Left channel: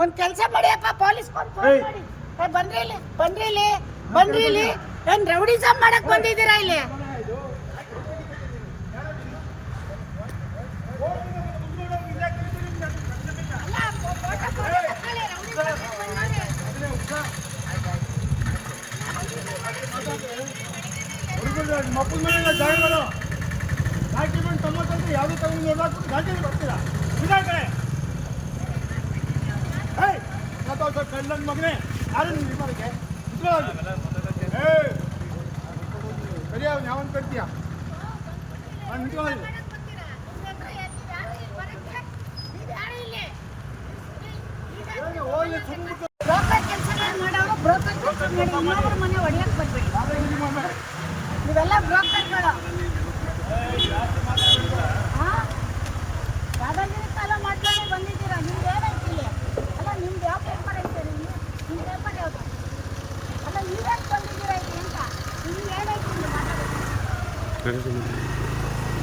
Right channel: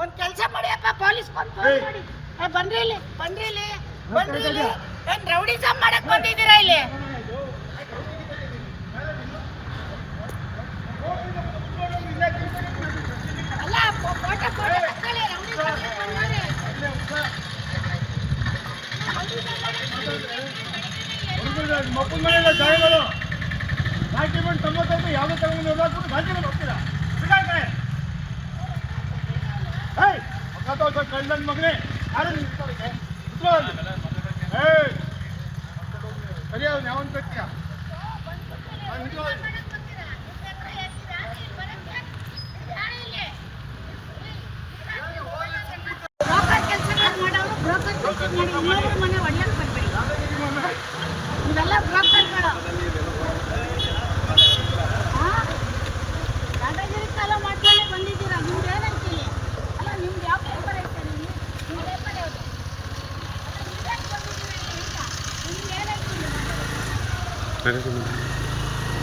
ಒಂದ್ ಕೆಲಸ ಮಾಡಿಯಪ್ಪ, police phone ಮಾಡಿ. ಬನ್ರಿ ಇಲ್ಲಿ ಏನ್ ರೌಡಿಸಮ್ ಮಾಡಕ್ ಬಂದಿದ್ದೀರಾ ಇಲ್ಲಿ? ಮಕ್ಕಳ ಮನೆಯ ಜಾಗಗಳು ಡಾಕ್ಯುಮೆಂಟ್ ಸಂಬಂಧ ಯಾವುದೇ ತಗೊಂಡು ಎಲ್ಲಾದ್ರೂ ಗಾಂಧಿನ ಬರ್ತೀರಾ ಕಡೆ ಕಳ್ಳ ಮಗನೇ ಯಾರು ಸರಿ ಅವ್ನು ಯಾವನ್ ಕಟ್ತೀಯ ಇನ್ನೊಬ್ಬರ ಮನೆ ಒಡೆಯಕ್ಕೆ ಬರ್ಬೇಡಿ. ಇವೆಲ್ಲ ಬ್ರೋಕರ್ಗಳು. ದಾದಾಗಿರಿ ಕಾಲ ಮಾಡ್ಕೊಂಡೇ ಬಂದಿದ್ದೀರಾ. ನಿಮ್ದು ಏನೈತಿ ಇಲ್ಲಿ? ಅಲ್ಲ ನಿಮ್ದು ಯಾವ ಪೇಪರ್ ಐತೆ? ನಿಮ್ಮ ಪೇಪರ್ ಯಾವುದು? ಅಲ್ಲ ನೀವ್ಯಾಕೆ ಬಂದಿದ್ದೀರಾ ಇಲ್ಲಿ ಅಂತ? ನಿಮ್ದು ಏನೈತಿ ಇಲ್ಲಿ ಮಾತಾಡೋದು?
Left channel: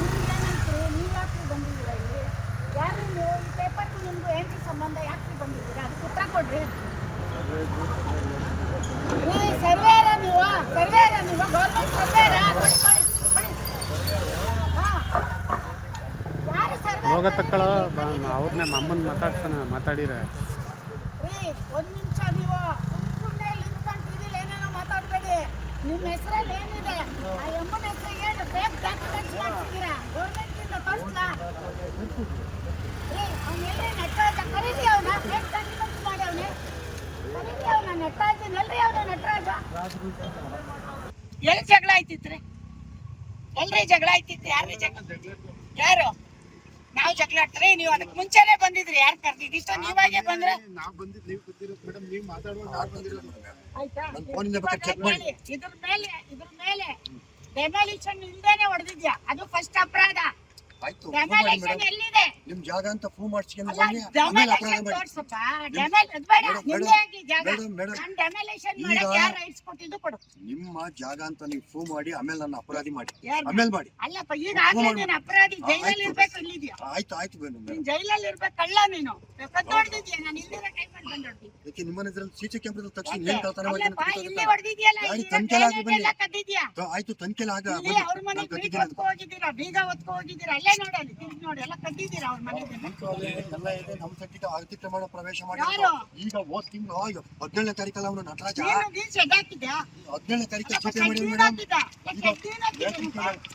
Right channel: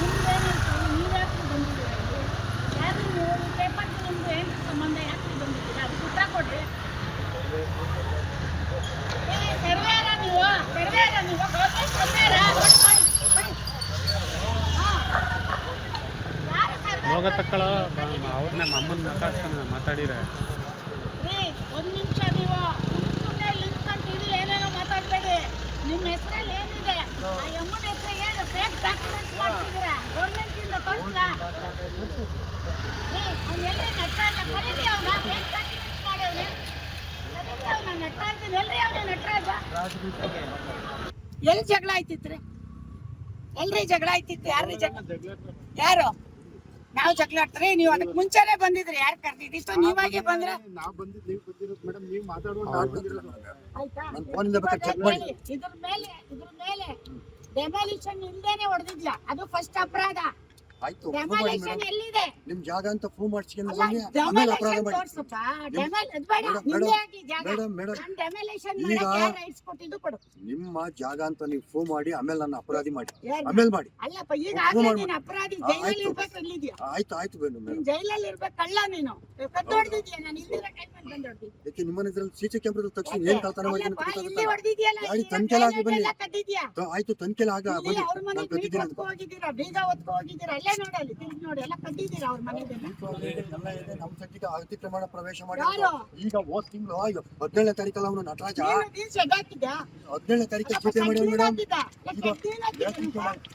ನಿಮ್ದು ಏನೈತಿ? ನೀವ್ಯಾಕೆ ಬಂದಿದ್ದೀರಾ ಇಲ್ಲಿ? ಯಾರು ನೀವು? ಈ ಪೇಪರ್ಗೂ ನಿಮ್ಗೂ ಏನು ಸಂಬಂಧ? ಯಾಕೆ ಬಂದಿದ್ದೀರಾ? ಅದಕ್ಕೆ ಉತ್ತರ ಕೊಡ್ರಿ. ಸರ್ವೇರ ನೀವು ಗೌರ್ಮೆಂಟ್ ಸರ್ವೇರ? ಹೋಗ ತಕ್ಕಳ ಅವ್ರನ್ನ ಅಮ್ಮನ ಮಾತಾಡಿರ ರೀ. ಒಂದು ನಿಮಿಷ ನೀವು ಸುಮ್ಮನೆ ನಿಂತ್ಕೊಂಡು ಟಿವಿಲಿ ಏನೇನೋ ಮಾತಾಡಬೇಡಿ. ನಿಮ್ಮ ಹೆಸರಲ್ಲಿ ಏನಿದೆ? ಆ ಅಮ್ಮನ ಹೆಸರಿಗೆ ಫೇಕ್ ಡಾಕ್ಯುಮೆಂಟ್ಸ್ ಮಾಡ್ತಿದ್ದೀರಾ. ಗೌರ್ಮೆಂಟಿಂದ ತೋರಿಸ್ಲಾ ರೀ? ಅವ್ನು ಎಲ್ಲಿ ನಡ್ತಾ ಇಲ್ಲ. ಕರೀರಿ ಅವನ. ಫೇಕ್ ಡಾಕ್ಯುಮೆಂಟ್ಸ್ ಮಾಡಿ ಎಲ್ಲಿ ಜಗಳ ಆಯ್ತಿತ್ರಿ? ಎಲ್ರಿ ಜಗಳ ಆಯ್ತಿತ್ತು? ಯಾರು ನಾವು ಜಗಳ ಆಡ್ತಾರೆ? ನೀವು ಅದಕ್ಕೆ ಮುಂಚೆನೆ ಬಂದಿದ್ರಿ. ಯಾರು ಕರ್ದಿದ್ದು? ನೀವಾಗೆ ಬಂದ್ರೆ ಇದ್ರ ಮೇಲೆ ಡೆಮಾಲಿಷನ್ ಇಲ್ದೇನೆ ಹೊಡೆದಿದ್ಯಾ? ಅದು ಫಸ್ಟ್ ಅಪರಾಧ. ಡೆಮಾಲಿಷನ್ ಎಲ್ಲಿದೆ? ನಿಮ್ ಜಾಗ ಅಂತ ಪ್ರೂವ್ ಮಾಡ್ಸ್ಕೊಂಡು ನಿಮ್ಮ ಜಾಗ ಅಂತ ನೀವು ಪ್ರೂವ್ ಮಾಡಿ ಆಮೇಲೆ ನನ್ನ ಅಪರಾಧಿ ಮಾಡಿ ಆಮೇಲೆ ಮಾಡಿ. ಅಲ್ಲಪ್ಪ, ಈಗ ಅಪರಾಧಿ ಜೈಲಲ್ಲಿ ಇರ್ಬೇಕು. ಇಲ್ಲಿದ್ಯಾ? ಆಯ್ತು ನೀನ್ ಜೈಲಲ್ಲಿ ಇರ್ಬೇಕು. ಕಳ್ಳ ನೀನು ಕದ್ದು ಹೊಡೆದಿದ್ಯಾ? ನಾನು ಇಲ್ಲಿರ ಟೈಮಲ್ಲಿ ಬಂದು ಹೊಡೆದಿದ್ದೆ. ಯಾಕೆ ನಿಮ್ಮ ಇದ್ರಲ್ಲಿ ಸಿಸಿ ಕ್ಯಾಮ್ರಾ ತಕ್ಷಣ ಏನ್ ಕಳ್ತನ ಮಾಡಿ ಇಲ್ಲಿ ಹೊಡೆದಿದ್ಯಲ್ಲ? ಕದ್ದಿದ್ಯಾ? ಆಯ್ತು ತನಿಖೆಲ್ಲ ಆಗ ಅವ್ರ ಮನೆ ಹೋಗಿದ್ದೀರಾ? ಬೀಗ ಹೊತ್ಕೊ ಹೋಗಿದ್ದೀರಾ? ಅಲ್ಲೇ ನೋಡಲ್ಲಿ ತಿರುಗಿ ನೋಡಿ. ಎಲ್ಲ ಕದ್ದಿದ್ದೀರಾ ಅವ್ರ ಮನೆಗೆ? ಎಲ್ಲ ಇದೆ. ನಮ್ಮ ಸದ್ಯಕ್ಕೆ ಅತಿಕ್ರಮಣ ಪ್ರವೇಶ ಮಾಡಿ ಈಗ ಹೋದ್ ತಿಂಗಳು 17ನೇ ತಾರೀಕಲ್ಲ ಅವನು ನಟರಾಜ 17ನೇ ತಾರೀಕಲ್ಲಿ ಜಿಪೆ ಮಾಡಿ ಮೇಡಮ್.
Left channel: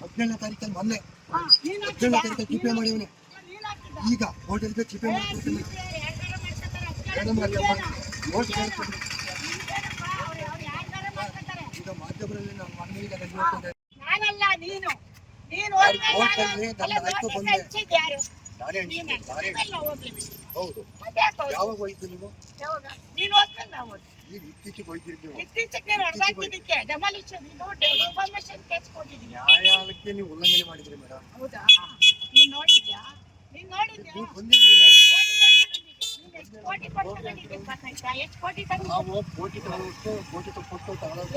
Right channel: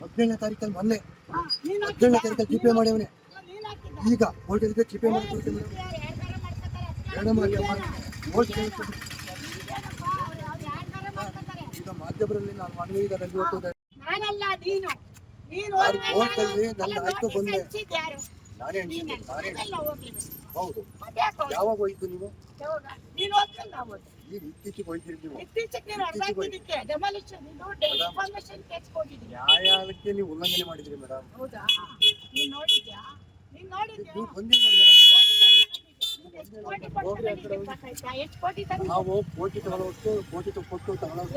17ನೇ ತಾರೀಕಲ್ಲಿ ಮೊನ್ನೆ 17ನೇ ತಾರೀಕಲ್ಲಿ ಜಿಪೆ ಮಾಡಿವನೆ. ಈಗ ಹೋಟೆಲ್ಗೆ ಜಿಪೆ ಮಾಡಿ ಈಗ ಮಾಧ್ಯಮದಲ್ಲಿ ನಾನು ಮನವಿ ನಾನಲ್ಲ, ನೀನು ಆಯ್ತು ಬಂದೆ. ನಾನೇ ಹೌದು. ಯಾವಾಗ ಹೋಯ್ತು ನೀವು? ಈಗ ಇತ್ತೀಚೆಗೆ ಹೋಯ್ತಿರಿ ನೀವು. ನ್ಯಾಯಾಲಯಕ್ಕೆ ನೀವು ಉಲ್ಲಂಘನೆ ಮಾಡಿದ್ರಿ ಮೇಡಮ್. ನೀವು ಬಂದಿಲ್ಲ. ನಾವು ಕೋಟಿ ತಗೊಳ್ಳೋಷ್ಟು ಕೋಟಿ ಕೊಟ್ಟು ತಗೊಳ್ಳೋಷ್ಟು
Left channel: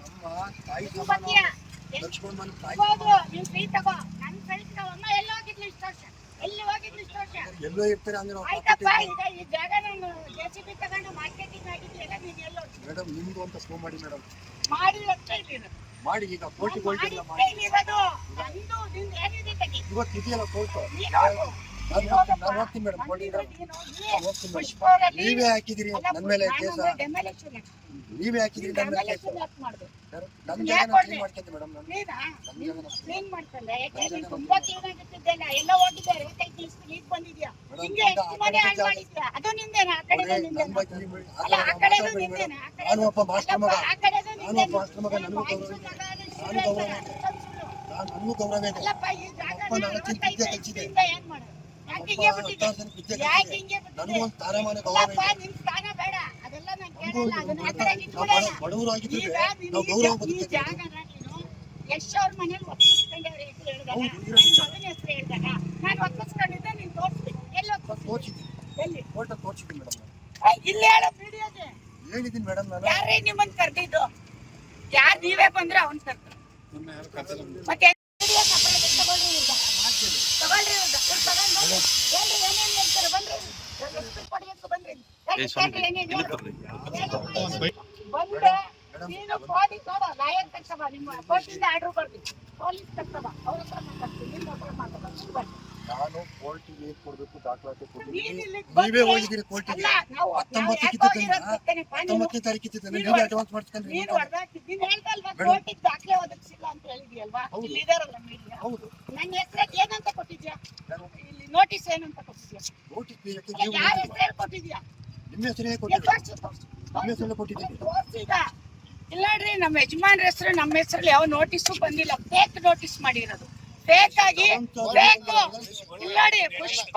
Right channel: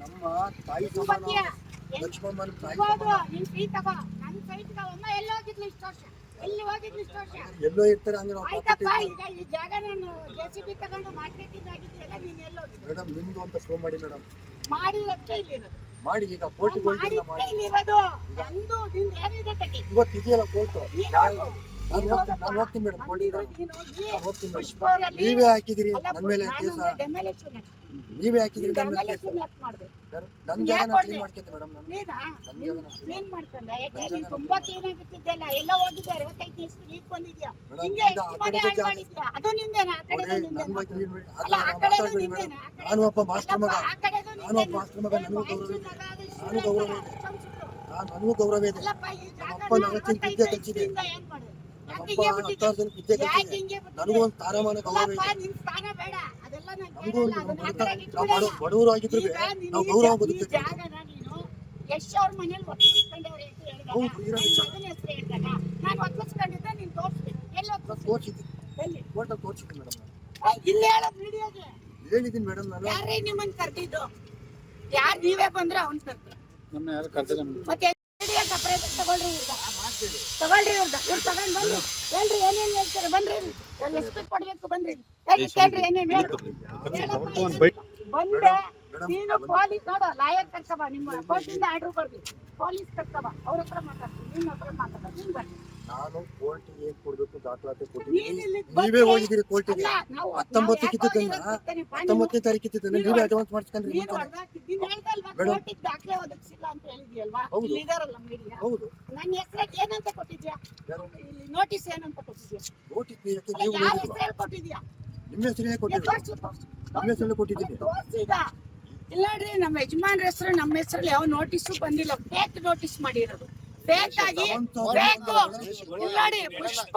ನಮ್ಮ ತಾಯಿ ಸಮಾನ ಲಕ್ಷ್ಮಮ್ಮನ ತಾಯಿ ಎಲ್ಲೋ ಇರ್ತಾರೆ ಅಂದ್ರೆ ಮೇಡಮ್ ನಿಮ್ದು ಅಂತ ಶೋ ಮಾಡಿ ಮೇಡಮ್. ಮಾಡಿ ಈಗ ಕೋರ್ಟ್ ಇವತ್ತು ಇದೆಯಲ್ಲ ಕೋರ್ಟ್. ನಾನು ಹೋಗ್ತೀನಿ ಮೇಡಮ್. ನೀವೇ ಹಾಕಿದಿರಿ ನನ್ನ ಮೇಲೆ ಕೇಸ. ನೀವೇ ಹಾಕಿದಿರಿ ನನ್ನ ಮೇಲೆ ಕೇಸ. ನನ್ನ ಜಾಗ ಕ್ಲೀನ್ ಮಾಡ್ಕೊಂಡೆ ಮೇಡಮ್. ಕ್ಲೀನ್ ಮಾಡ್ಕೊಂಡೆ? ತುಂಬಾ ಕ್ಲೀನ್ ಆಗಿತ್ತಿದ್ದೆಲ್ಲ. ಎಲ್ಲ ಹೋಗಿದ್ದಾರೆ. 25 ದಿವಸ ಈಗ ಬಂದಿದ್ಯಾ? ಹಿಂಗೆ ಅದು ನಿಂದೇನಾ? ಆ ಕಡೆ ನಿಂದೇನಾ? ಅಲ್ಲ, ಆ ಕಡೆ ನಿಂದೇನಾ? ನಾನು ಒಬ್ಬ ಮಾಸ್ಟರ್ ಮಗ. ನನಗೂ ಗೌರವ ಇದೆ. ನನಗೂ ಒಂದು ಸ್ಥಾನಮಾನ ಗೌರವ ಇದೆ. ಬಡವರು ಆಗಿದ್ರು ನಾವು ಗೌರವ ಬದುಕ್ತೇವೆ. ಯಶ್ ಅವ್ರ ಮನೇಲಿ ಒಪ್ಪಿಸ್ಕೊಂಡವ್ರೆ ಅಂತ ಹೇಳಿದಾಗ ಮಗನ ಹೆಸರು ಹೇಳಿದಾಗ ನಾನು ಒಪ್ಪಿಸ್ಕೊಂಡಿದ್ದೆ. ನೀನು ತೋರಿಸ್ತೀನಿ. ಎಲ್ಲಿ ತೋರಿಸಿದ್ದೀನಿ? ಎಲ್ಲಿ? ಕೋರ್ಟಲ್ಲಿ ತೋರಿಸಿದ್ದೀನಿ ಮೇಡಮ್. ಇಲ್ಲಿ ಹೇಳೋ ವಿಡಿಯೋಗೆ ಹೇಳಿದ್ದೀನಿ ಮೇಡಮ್. ನಾನು ಯಾರೇ ನಿಮ್ಮನ್ನ ಕರೆದಿದ್ದು? ಯಾರು ನೀವೇ ಬಂದ್ರೆ ಅವ್ನು ಕರ್ದು ಮತ್ತೆ ವಿಡಿಯೋ ಸಪರೇಟ್ ತಗೊಳ್ರಿ. ಇವ್ರದ್ದು ತಗೊಂಡು ಬಂದು ಹೇಳ್ರಿ ಏನೇನು ಹೇಳ್ತಾರೆ ಬನ್ರಿ ಎಷ್ಟು ಕೊಡ್ಬೇಕು ಬನ್ರಿ ಕೇಳ್ರಿ ಏನೇನು ಬಂದೆ ನೀನು ಪೊಲೀಸ್ ನೋಡು ಲಾಯರ್ ಕರ್ಕಬ ನಿಮ್ಮ ಕೋರ್ಟಿಂದ ಆರ್ಡರ್ ಬರ್ದಿ ಪೊಲೀಸ್ ಕರ್ಕಬ ಅವ್ರ ಹತ್ರ ಮಾತಾಡ್ತೀನಿ ನಿನ್ನ ಹತ್ರ ಮಾತಾಡ ನೀನು ಬನ್ನಿ ನಾನು ಕೋರ್ಟಿಗೆ ಏನ್ ಕೊಡ್ಬೇಕು ದಾಖಲಾತಿ ನೀನ್ ಕೊಟ್ಟಿದ್ದೀನಿ ಇಲ್ಲಿಗ್ ನೀವೇ ಬಂದ್ರೆ- ಹೋಗಿದ್ದೀರಿ ಕೋರ್ಟಿಗೆ ಅಲ್ಲ, ನಾವು 19 19ನೇ ತಾರೀಕು ಇತ್ತಿದ್ದನ್ನ ನೀನು ನೀವೇ ಅಡ್ವಾನ್ಸ್ ಮಾಡಿಸ್ಕೊಂಡ್ರಿ ನೀನು ಹೊಡೆದಾಕಿದ್ದೀನಿ ಹೇಳ್ದಲ್ವಾ ಮೇಡಮ್. ಕೋರ್ಟಿಗೆ ದಾಖಲೆ ಒದಗಿಸಿಲ್ಲ ಅಂತ ಹೇಳಿದ್ಯಲ್ವಾ ಹೌದು. ಇಲ್ಲಿ ಇದಾರಲ್ಲ ಮೀಡಿಯಾ ಹೌದು ನನ್ನ ಹೆಸರಿಗೆ ಏನಂತ ಕೊಟ್ಟಿದ್ಯಾ ಯಾರು? ಇಲ್ಲಿ ನೋಟಿಸ್ ಏನಂತ ಕೊಟ್ಟಿದ್ಯಾ ನೋಟಿಸ್ ನೀಡಕ್ಕೆ ಅಲ್ಲ, ನೀವು ಯಾರ ಹೋಗಿದ್ದೀರಾ? ಹೆಸರಲ್ಲಿ ಕೊಟ್ಟಿದ್ಯಾ ನಿಮ್ಮ ಹೆಸರೇ ಏ, ಕೊಟ್ಟಿದ್ದೀರಿ ತೋರ್ಸು. ನಿಮ್ಮ ಹೆಸರಲ್ಲೇ ಕೊಟ್ಟಿದ್ದೀನಿ ತೋರ್ಸು ಈಗ ಇಲ್ಲ ನೋಡ್ರಿ ನಮ್ಮ ಯಜಮಾನ್ರ ಹೆಸರು ನಮ್ಮ ಹೆಸರಲ್ಲಿ ಯಾವ ನೋಟಿಸು ಬಂದಿಲ್ಲ ಫೇಕ್ ನೋಟಿಸ್ ಮಾಡಿರೋದು ಫೇಕ್ ಆಗಿ ಬೇಕು ಇಲ್ಲಾಡಿ ಪುಷ್ಪ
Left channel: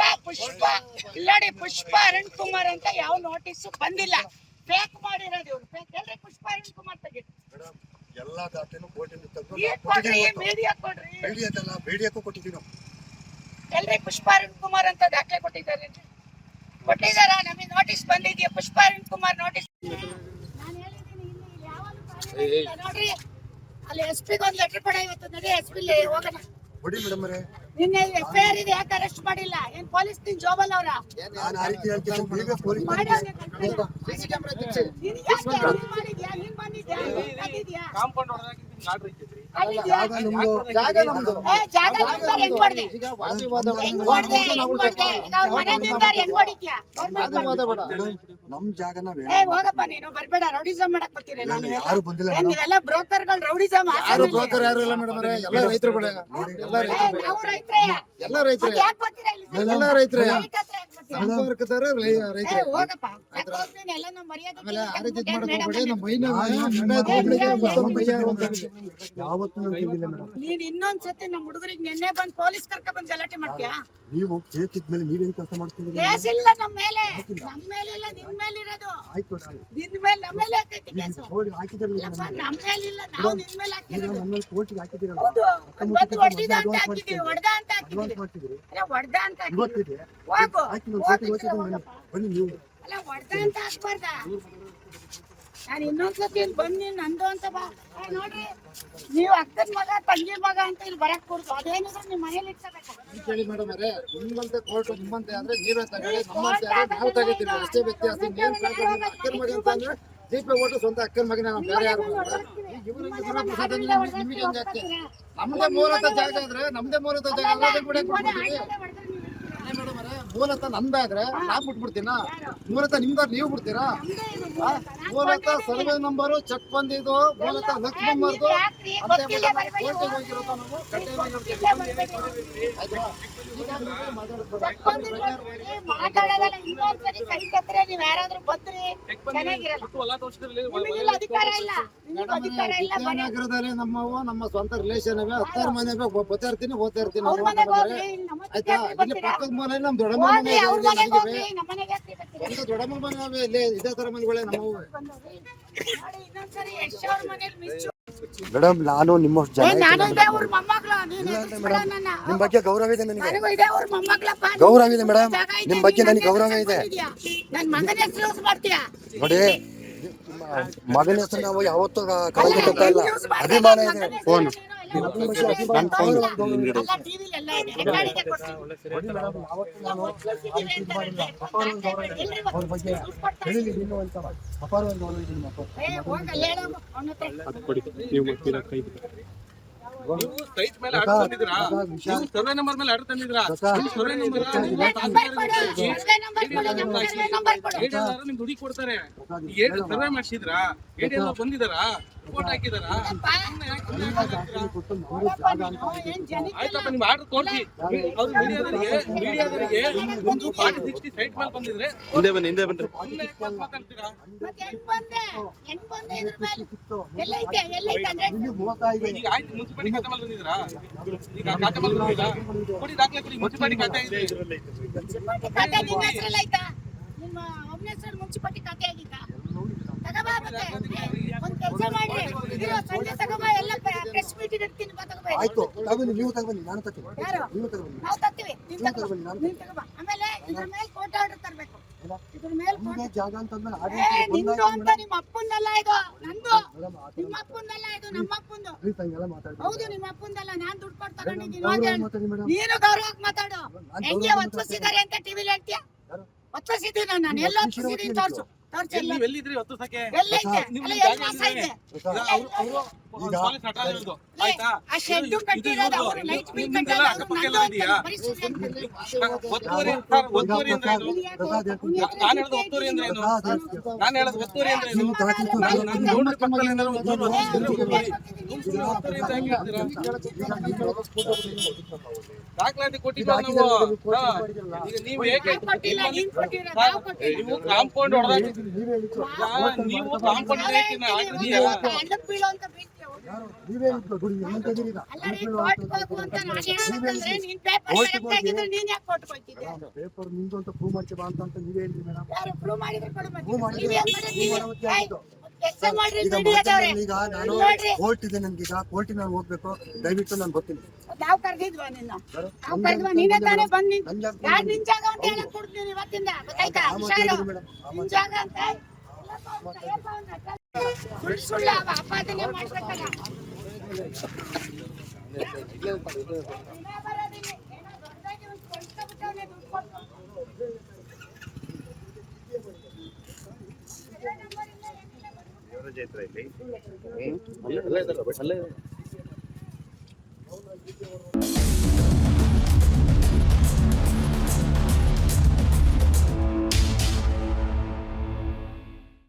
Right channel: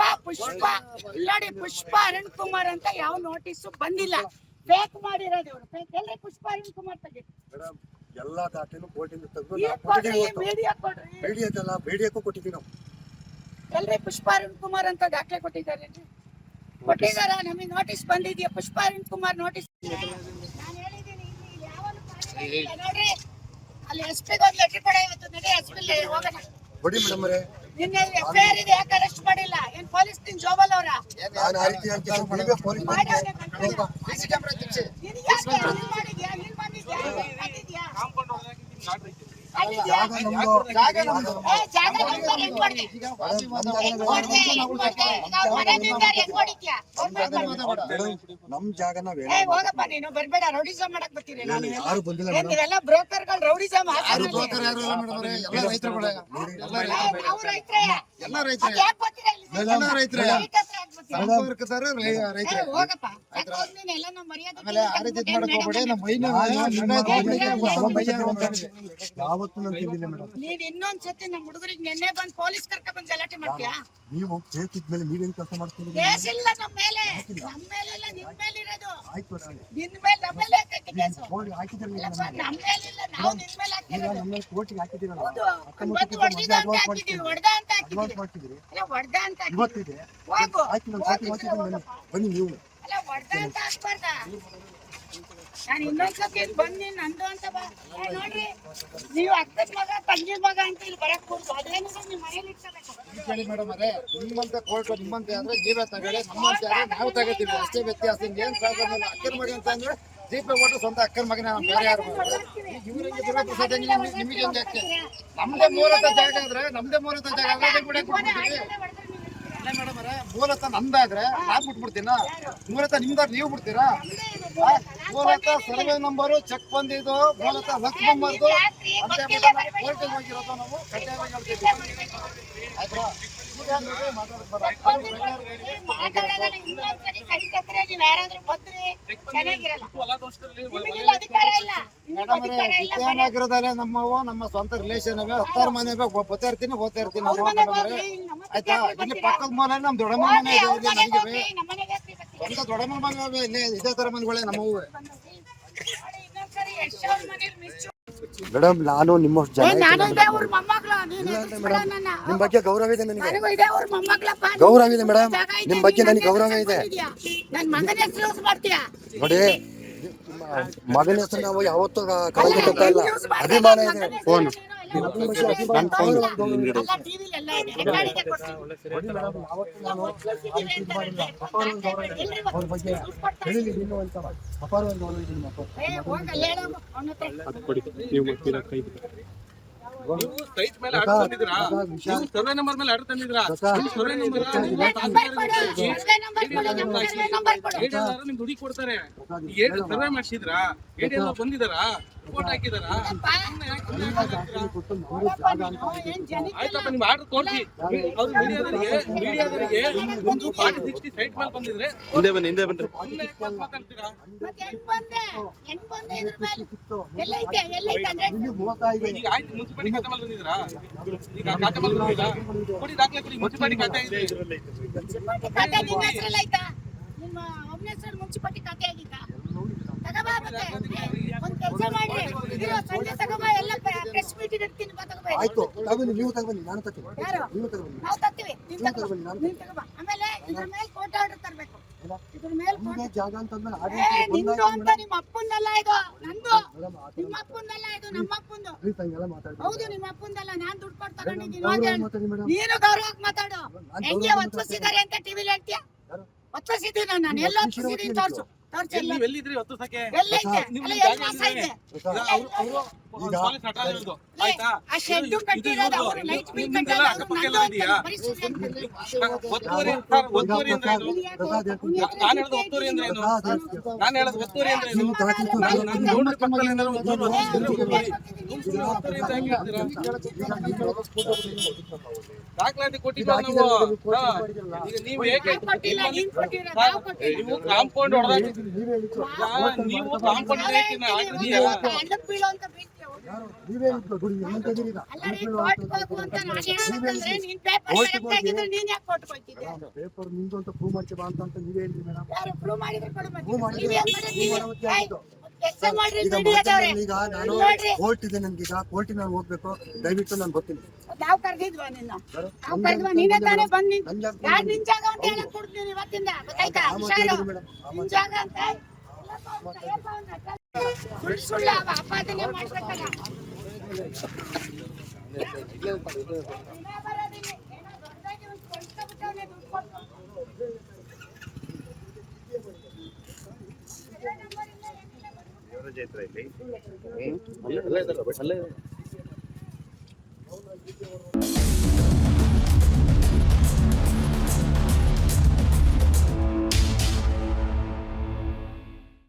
ಇಲ್ಲಾಡಿ ಪುಷ್ಪ ಅರುಣ್ ಕುಮಾರ್ ಅಂತ ಯಾವ ನೋಟಿಸು ಬಂದಿಲ್ಲ ಫೇಕ್ ಮಾಡಿರೋದು ಇವರು ಫೇಕ್ ಎಲ್ರಿ ಪುಷ್ಪ ಅರುಣ್ ಕುಮಾರ್ ತೆಗಿರಿ ಮೇಡಮ್ ಎಲ್ಲಾ ದಾಖಲೆನೂ ಕೋರ್ಟಿಂದ ತೆಗೆದು ಈಗ ಕೊಡ್ರಿ ಮೀಡಿಯಾ ಕೊಡ್ರಿ ಬೇಡಿಯಕ್ಕೂ ಕೊಟ್ಟಿದ್ದೀವಿ ನಾವು ಎಲ್ರಿ ಪುಷ್ಪ ಅರುಣ್ ಕುಮಾರ್ ಅಂತ ದಾಖಲೆ ಕೊಟ್ಟಿದ್ದಾರೆ ಕೊಟ್ಟಿದಾರ ನಮಗೆ ನೋಟಿಸ್ ಬಂದಿದ್ಯಾ ಪುಷ್ಪ ಅರುಣ್ ಕುಮಾರ್ ನೋಟಿಸ್ ನಾನು ಹೇಳಿದ್ದೀನಿ ಇಲ್ಲಿ ಯಾವನು ನೋಡ್ರಿ ಅಲ್ಲಿ ಎಸ್ ಪಿಗೆ ಒಂದು ಲೆಟರ್ ಕೊಡ ಇವತ್ತು ನಡಿ ಎಸ್ ಪಿ ಹೋಗೋಣ ಕೊಡಿ ಮೇಡಮ್ ಅವರೇ ನಿನ್ನೆ ಎಫ್ಐಆರ್ ಇದೆ ಯಾಕೆ ಅರೆಸ್ಟ್ ಮಾಡಿಲ್ಲ ಏನ್ ಪೊಲೀಸ್ ನಿನ್ ಜೋಬಲ್ ಅವರ ನಾನು ಆ ರೀತಿ ಹೇಳ್ತೀನಿ ನೀವೇ ಪೊಲೀಸ್ ಮಾಡ್ಯಾವ್ನೆ ಕಂಪ್ಲೇಂಟ್. ನಿನ್ ಯಾಕೆ ನೀನ್ ಮಾಡಿದ್ಯಾ ನೀನ್ ಬಂದಿದ್ಯಾ ನೀನ್ ಬಂದಿದ್ಯಾ ಅಲ್ಲಿದ್ಯಾ? ಜಾಗ ನಮ್ದು ಏ, ಜಾಗ ನಮ್ದು ಹೆಂಗ್ ಹೊಡ್ದೆ? ಹೆಂಗ್ ಹೊಡ್ದೆ? ಹೆಂಗ್ ಹೊಡ್ದೆ? ಈಗ ಅವ್ರ್ ಮನೆಯಿಂದ ಹೆಂಗ್ ಹೊಡಿತ್ಯಾ? ನಮ್ ಜಾಗ ನಾವೇ ಏ ಹೋಗಪ್ಪ ನೀನು ಬರ್ಬೇಡ ರೌಡಿಸಮ್ ಮಾಡಕ್ ಬರ್ತೀನಿ ನಾನು ಯಾರು ಬಂದಿಲ್ಲ ಏನ್ ಮೇಡಮ್ ನೀವೆಲ್ಲ ಬ್ರೋಕರ್ಗಳು ರೌಡಿಸಮ್ ಯಾರು ಬ್ರೋಕರ್ ಯಾರು ಇಲ್ಲ ಮೇಡಮ್ ಅವರೇ ಎಲ್ಲ ರೈತರುಗಳೇ ನಾವು ರೈತರೇ ಎಲ್ಲ ರೈತರೇ ಅದ್ ಯಾಕ್ ಬರ್ತೀರಾ ಇಲ್ಲಿ? ಎಲ್ಲ ರೈತರೇ ರೈತ ಹತ್ರ ಯಾಕ್ ಬರ್ತೀರಾ? ಸಂಪರ್ಕದಾರ ಏ, ರೈತರೇ ಹೋಗಪ್ಪ ಯಾಕ್ ಹೋಗ್ತೀನಿ? ಎಲ್ಲ ನಮ್ಮ ಮರ್ಯಾದೆ ಆಮೇಲೆ ಆ ರೀತಿ ತೆಗ್ದು ಮಾಡಕ್ ಹೋಗ್ಬೇಡಿ ಮೇಡಮ್ ನಮ್ಮ ಮೈನ ಯಾವತ್ತೂ ನಾನು ತಿಳಿದಿಲ್ಲ ಮೇಡಮ್ ನೀನ್ ಇನ್ನೊಂದ್ಸತಿ ನಮ್ಮ ಹುಡುಗರಿಗೆ ನೆನ್ನೆ ಬಂದ್ ಪೊಲೀಸ್ ಕರ್ಕ ಬಂದ್ ಗಲಾಟೆ ಮಾಡ್ತೀಯಾ ನೀವು ಕೇಸಿದ್ಮೇಲೆ ನೀವೇನ್ ಕೆಲಸ ಮಾಡ್ತೀರಿ ಕೇಸ್ ಇಲ್ಲ ನಮ್ಮ ಮೇಲೆ ಇಲ್ಲ ನಿನ್ ಮೇಲೆ ಇರೋದು ಆಯ್ತು ನಾಳೆ ನಿನ್ ಮೇಲೆ ನಮ್ಮ ಮೇಲೆ ಹಾಕೈತೆ ಕೇಸು ಕೋರ್ಟ್ ಹಾಕಿದ್ರಲ್ಲ ಇಲ್ಲಪ್ಪ, ನಮ್ಮ ಮೇಲೆ ಇಲ್ಲ ನಾವು ನಿನ್ ಮೇಲೆ ಹಾಕಿರೋದು ನಮ್ಮ ಕೋರ್ಟಿಗೆ ಹಾಕಿದ್ದೀರಲ್ಲ ಹೌದು ಒಂದ್ ಹೊಡೆದಿದ ಅಂತ ಹಾಕಿದೀವಿ ಹೊಡೆದ ಅಂತ ಅಡ್ವಾನ್ಸ್ ಹಾಕಿದೀವಿ ಮಾಡ್ತಿದ್ರಿ ಅಲ್ಲ ಹೊಡೆದ ಅಂತ ಹಾಕಿದೀವಿ ಇವತ್ತಿದೆ ಹೋಗು ಆಯ್ತು ನಾನು ಕೋರ್ಟಿಗೆ ಹೋಗ್ತಿದ್ದೀನಿ ಬನ್ನಿ ನೀವು ಅಲ್ಲ ಹೊಡೆದ ಅಂತ ಹಾಕ್ಬಾರ್ದ ನಾನು ಇನ್ನೊಂದ್ಸತಿ ಇಲ್ಲಿ ಬಂದು ನಂದು ಅಂತ ಬಾ ಏ, ನೋಡ್ರಿ ನೀವು ಅಕ್ಕನ ಮಗ ತಂಗಿ ಮಗ ಅಂತ ಇಲ್ಲಿ ಬರಕ್ ಕೂರ್ತು ಅದೇನಿದೆ ನಿಮ್ ಮನೇಲಿ ಇಟ್ಕೋಬೇಕು ಕೇಳಿ ಮೇಡಮ್ ಅವರೇ ನಿಮ್ಮಂತೆ ಕೋರ್ಟ್ ನಿಮ್ಮಂತೆ ಅಂದ್ರೆ ನೀವೇ ತಗೊಳ್ಳಿ ನಮ್ಮಂತೆ ಆದ್ರೆ ನಾವು ತಗೋತೀವಿ ಅಷ್ಟೇ ವ್ಯತ್ಯಾಸ ಏನ್ ಪ್ರಾಬ್ಲಮ್ ಇಲ್ಲ ಅಕ್ಕನ ಮಗ ಅಂತ ಅಂದ್ರೆ ಜೀಪ್ ಓಟು ಸ್ವಂತ ಅಕ್ಕನ ಮಗನ ನಾವು ಬೇರೆ ಯಾರು ನಿಮಗೆ ಹೆಂಗೆ ಯಾಕೆ ನಮ್ದೇ ಮೂಲತ ಜಾಗ ಆದ್ರೆ ಅದನ್ನ ಕೂಡ ಬಿಟ್ಬಿಡ್ತೀವಿ ಅಲ್ಲ ಮೇಡಮ್ ಅವರೇ ಮೂಲತ ನಮ್ದಾದ್ರೆ ನಾವ್ ಬಿಟ್ಬಿಡ್ತೀನ ಮೂಲತ ನಿಮ್ದಾದ್ರೆ ನೀವು ಬಿಡ್ತೀರಾ ಮೂಲತ ಸರ್ವೆ ನಂಬರು ಚೆಕ್ ಬಂದಿದ್ದು ಮೂಲತ ಲಕ್ಷ್ಮಮ್ಮರ್ದು ಅಂತ ಹೇಳ್ಬಿಟ್ಟು ನಾವು ಕೋರ್ಟಿಗೆ ಹೋಗಿರೋದು ನಾವು ಕಡ್ಡಾಯವಾಗಿ ಹೇಳ್ತೀವಿ ಆಯ್ತಾ ಈಗ ನೋಡ್ರಿ ಮಾತಾಡ್ಬೇಡ ಮಾತಾಡಲ್ಲ ಇನ್ನೊಂದ್ಸರಿ ಕೈ ಕತ್ತರೆ ನೀವ್ ಯಾರಾದ್ರೂ ಬಂದ್ರಿ ಚೆನ್ನಾಗಿರಲ್ಲ ನಿಮಗಿಲ್ಲ ಅಧಿಕಾರ ಇಲ್ಲ ನಿಮಗೂ ಅಧಿಕಾರ ಇಲ್ಲ ವಿದ್ಯಾನಗರದಲ್ಲೇ ನಮ್ಮವು ನಮ್ಮ ಸ್ವಂತ ರಿಲೇಷನ್ ಅವೇ 10 ಮನೆ ಓದ್ತಾ ಇರ್ತೀನಿ ಅವ್ರ ಮನೆಗೆ ಹೋಗ್ರಿ ನಮ್ಮ ಆಯ್ತಾ ಇಲ್ಲಿ ಪಕ್ಕದ ಮನೆ ನಮ್ ದೊಡ್ಡಮ್ಮ ಮನೆ ಇದೆ ಅವ್ರ ಅವ್ರಿಗೆ ಮನೆಗೆ ನಮಗೆ ಹೋಗ್ರಿ ನಮ್ಮ ಮನೆಗೆ ಯಾಕ್ರಿ ಬರ್ತೀರಿ ಸ್ವಂತ ದೊಡ್ಡಮ್ಮ ಮನೆ ಅವೇ ಇಲ್ಲೇ ಇದೇ ತರ ಮನೆಗಳೇ ನಮ್ಮವು ನೋಡಿ ಇನ್ನೊಂದ್ಸರಿ ಎಷ್ಟು ಅವ್ರ ಮನೇಲಿ ಮಿಸ್ ಮೇಡಮ್ ನಾನು ನಿಮ್ಮ ನಾನು ಇದೆ ಅವ್ರ ಮೊಮ್ಮಗಳು ನೀನು ಎದುರಿಸ್ಬೇಡ ನನ್ನ ನಿಮ್ ಬಗ್ಗೆ ಗೌರವ ಇದೆ ನನಗೆ ನನಗೂ ಇದೆ ಅವ್ರ ಮೊಮ್ಮಗಳಪ್ಪ ಗೌರವ ಇದೆ ಮೇಡಮ್ ನಿಮ್ ಬಗ್ಗೆ ನನಗೆ ಗೌರವ ಇದೆ ನನ್ನ ಮಗನ ಹೆಸರು ಯೂಸ್ ಮಾಡ್ತೀಯಾ ನೋಡಿ ಮಗನ ಹೆಸರು ನಾವು ಯಾವತ್ತೂ ಕಳೆದುಕೊಳ್ತಾ ಇಲ್ಲ ಅಭಿಮಾನ ಇದೆ ಫೋನ್ ಎಲ್ಲ ಟಿವಿಲಿ ಎಲ್ಲ ಇದೆ ರೆಕಾರ್ಡ್ ಇದೆ ಕೊಡ್ತೀನಿ ಯಾವತ್ತೂ ನಾನು ಅವ್ರ ಬಗ್ಗೆ ಹೇಳಿಲ್ಲ ಇನ್ನೂ ಒಂದ್ಸಲ ಅಪಾರ ಒಂದು ಗೌರವ ಇದೆ ನಿಮ್ಮ ಅಪ್ಪ. ಏ ಹೋಗಲ್ಲ ಹೇಳು ಅವನ ಹತ್ರ ಅದು ಕೊಡಿ ನೀವು ಮಾಡ್ತೀರಾ ಕೈ ನೀವು ಸೈಟ್ ಮೇಲೆ ಆರ್ಡರ್ ತಂದಿದ್ರಾ ನೀವು ಸರ್ವೆ ನಂಬರ್ ಮೇಲೆ ಆರ್ಡರ್ ತಂದಿದ್ರಾ ನೀವು ಸರ್ವೆ ನಂಬರ್ ನಿಮ್ಗೆ ದುಡಿ ಕೊಡ್ತಾರೆ ಸರ್ವೆ ಮಾಡಿಸಿದ್ರಾ ಏಡಿಎಲ್ ಬಂದಿದಾರಾ ರಿಪೋರ್ಟ್ ಹಾಕಿದಾರಾ ಆಯ್ತಪ್ಪ ನಿಮ್ ಆರ್ಡರ್ ತೋರಿಸಿ ಅವ್ರು ಮೀಡಿಯಾದವರಿಗೆ ಒಂದು 40-60 ಸೈಟ್ ಮೇಲೆ ಬಂದಿದ್ರೆ ಹಿಂದೆ ಬನ್ರಿ ಮಾತಾಡ್ತೀರಾ ಹೆಂಗ್ ಬಂದೆ ಇದ್ರ ಮೇಲೆ ಎಲ್ಲೈತೆ ಅಂದ್ರೆ ಈಗ ಆಯ್ತು ಮುನ್ಸಿಪಾಲಿಟಿ ಖಾತೆ ಮೇಲೆ ಬಂದಿದ್ರಾ ಈಗ ಖಾತೆ ಮೇಲೆ ಬಂದಿಲ್ಲ ಕೊಡಿ ದಾಖಲೆ ಕೊಡಿ ಮುನ್ಸಿಪಾಲಿಟಿ ಖಾತೆ ಇದೆ ಖಾತೆ ನಿಮ್ಮ ಹೆಸರಲ್ಲಿ ಆಯ್ತಾ ನಿಮ್ಮ ಒಬ್ಬನ ಹೆಸರು ಮುನ್ಸಿಪಾಲಿಟಿ ಖಾತೆ ಆಗಿತ್ತಾ ತಗೋಬಾ ಮತ್ತೆ ಒಂದ್ ಕೆಲಸ ಮಾಡ್ರಿ ಇದು ಸಂಜೆ ತಗೋಬಾ ಎಲ್ಲ ಪ್ರೆಸ್ ಮೀಟ್ ಇಡ್ತೀನಿ ಬಾ ತಗೋಬಾ ಆಯ್ತು ತಗೊಂಡು ನೀವು ತಗೊಂಡು ನಾನು ತಗೊಂಡು ಯಾರು ನೀವು ತಗೊಂಡು ನಾವು ತರ್ತೀವಿ ನೀನ್ ತಗೋಬಾ ಆಮೇಲೆ ಇದ್ರ ಮೇಲೆ ಕೋರ್ಟ್ ಆರ್ಡರ್ ತರಬೇಕು ಇದ್ರ ಮೇಲೆ ನಿಮಗೆ ಜಾಗ ಅಂತಂದ್ರೆ ಏ ನಿಂದು ಅಂತ ನಿಮ್ಮ ಅಪ್ಪಂದಲ್ಲ ಇದು ನಂದು ನಿಮ್ಮ ಅಪ್ಪಂದಲ್ಲ ಇದು ನಮ್ಮ ಅಪ್ಪಂದು ಹಂಗೆಲ್ಲ ಮಾತಾಡಿ ಹೌದು ನಿಮ್ಮ ಅಪ್ಪಂದಲ್ಲ ನಾನ್ ದುಡ್ಡು ಕೊಟ್ಟು ತಗೊಂಡಿದ್ದೀನಿ ಹೋಗಿ ಮಾತಾಡಿ ಮೇಡಮ್ ನೀನು ಗೌರವಕ್ಕೆ ಮಾತಾಡು ಹೆಂಗೆ ಒತ್ಸಿದ್ದಾರೆ ಅಂತ ಟಿವಿಲಿ ಹೇಳ್ತೀಯ ಒಪ್ಪಿಸಿದ್ದೀನಿ ನಾನು ಎಲ್ಲ ಒಪ್ಪಿಸಿದ್ದೀನಿ ತೋರ್ಸು ತೋರ್ಸು ಎಲ್ಲ ಎಲ್ಲಿದ್ರಿ ಹೊತ್ತು ಸಕೆ ಎಲ್ಲೈತೆ ನಿಮ್ಮ ಅಲ್ಲ ಜಾಗ ಎಲ್ಲ ಮಾಸ ಇದೆ ಅವರು ಪೊಲೀಸ್ ಹಠ ಇರೋದು ಆಯ್ತಾ ಆ ಶೆಡ್ ಕಟ್ಟಿರೋದು ಅವರು ಲೈಟ್ ಬಿಲ್ ನಿಮ್ದೆಲ್ಲ ಕಟ್ಟಲ್ಲ ಅಕ್ಕಪಕ್ಕ ಎಲ್ಲ ಇದೆಯಾ ಒತ್ತುವರಿ ಒತ್ತುವರಿ ಅಂದ್ರೆ ಏನು ನಾನು ಹೇಳೋದು ಒತ್ತುವರಿ ಅಂದ್ರೆ ಏನು ನಾನು ಹೇಳೋದು ಒತ್ತುವರಿ ಅಂದ್ರೆ ಏನು ನಾನು ಗೌಡ್ರ ಪಕ್ಕದಲ್ಲಿ ಏನಾದ್ರು ಒಂಚೂರು ಒತ್ತುವರಿ ಅಂತ ಹೆಂಗೆ ಹೇಳ್ತೀರಾ? ದಾಖಲಾತಿ ಕೊಟ್ಟಿದ್ದೀವಿ ನಾವು. ಈಗ ನೀವು ಹೇಗೆ ಕೊಟ್ಟಿಲ್ಲ ನೀನ್ ಕೊಟ್ಟಿರೋ ನಾವು ಕೊಟ್ಟಿಲ್ಲ ನೀವು ಕಾಂಪೌಂಡ್ ಹೊಡೆದಾಗ ನೀವು ಕಾಂಪೌಂಡ್ ಹಳ್ಳಕ್ಕೆ ಬೀಳೋ ಅಂತ ಬೀಳ್ತೀಯ ಅಲ್ಲ ರೀ ಕೋರ್ಟ್ಗೆ ಹೋಗು ಅಂತ ನಾನು ಹೇಳೋದಂದ್ರೆ ನೀನ್ ಪೇಪರ್ ಕರೆಕ್ಟ್ ಆಗಿದ್ರೆ ನೀನ್ ಯಾಕೆ ಕೋರ್ಟ್ಗೆ ಹೋಗ್ತಿದ್ದೆ ಪೇಪರ್ ನಿಮ್ದು ಅಂತ ಪ್ರೂವ್ ಮಾಡ್ತೀವಿ ಅಂತ ನೀವೇ ಹೇಳಿದ್ರಿ ಮೇಡಮ್. ಯಾರು ಪ್ರೂವ್ ಮಾಡಿದ್ರೆ ಕೊಡು ಮತ್ತೆ ನೀವ್ ಏನ್ ಮಾಡಿದ್ರಿ ಎಕ್ಸಾಮ್ ಮಾಡ್ರಿ ಮೀಡಿಯಾದವ್ರೆ ಈಗ ನಾನು ನೋಡ್ರಿ ಕೋರ್ಟ್ ಇದೆ ನನ್ಗೀಗ ಕೋರ್ಟಿಗೆ ನಾನು ಹೋಗ್ಬೇಕು ದಯವಿಟ್ಟು ನಾನು ಬರ್ತೀನಿ. ನಾವು ಕರೆದಿದ್ವಾ ನಿನ್ನ ನಾವು ಕರೆದ್ವಾ ನೀನೇ ತಾನೇ ಬಂದ್ ಯಾರು ನಿನ್ ಜಾಗ ಅಂತ ಹೇಳಕ್ ಕೊಡ್ತೀನಿ ಇವತ್ತಿಂದ ಗೊತ್ತಾಯ್ತಾ ಹುಷಾರು ನಿನ್ ಜಾಗ ಅಂತ ಸುಳ್ಳು ಆಪಾದನೆ ಮಾಡ್ಬೇಕಲ್ಲ ಅಲ್ಲೇ ಇದಾರೆ, ಅಲ್ಲೇ ಇದಾರೆ.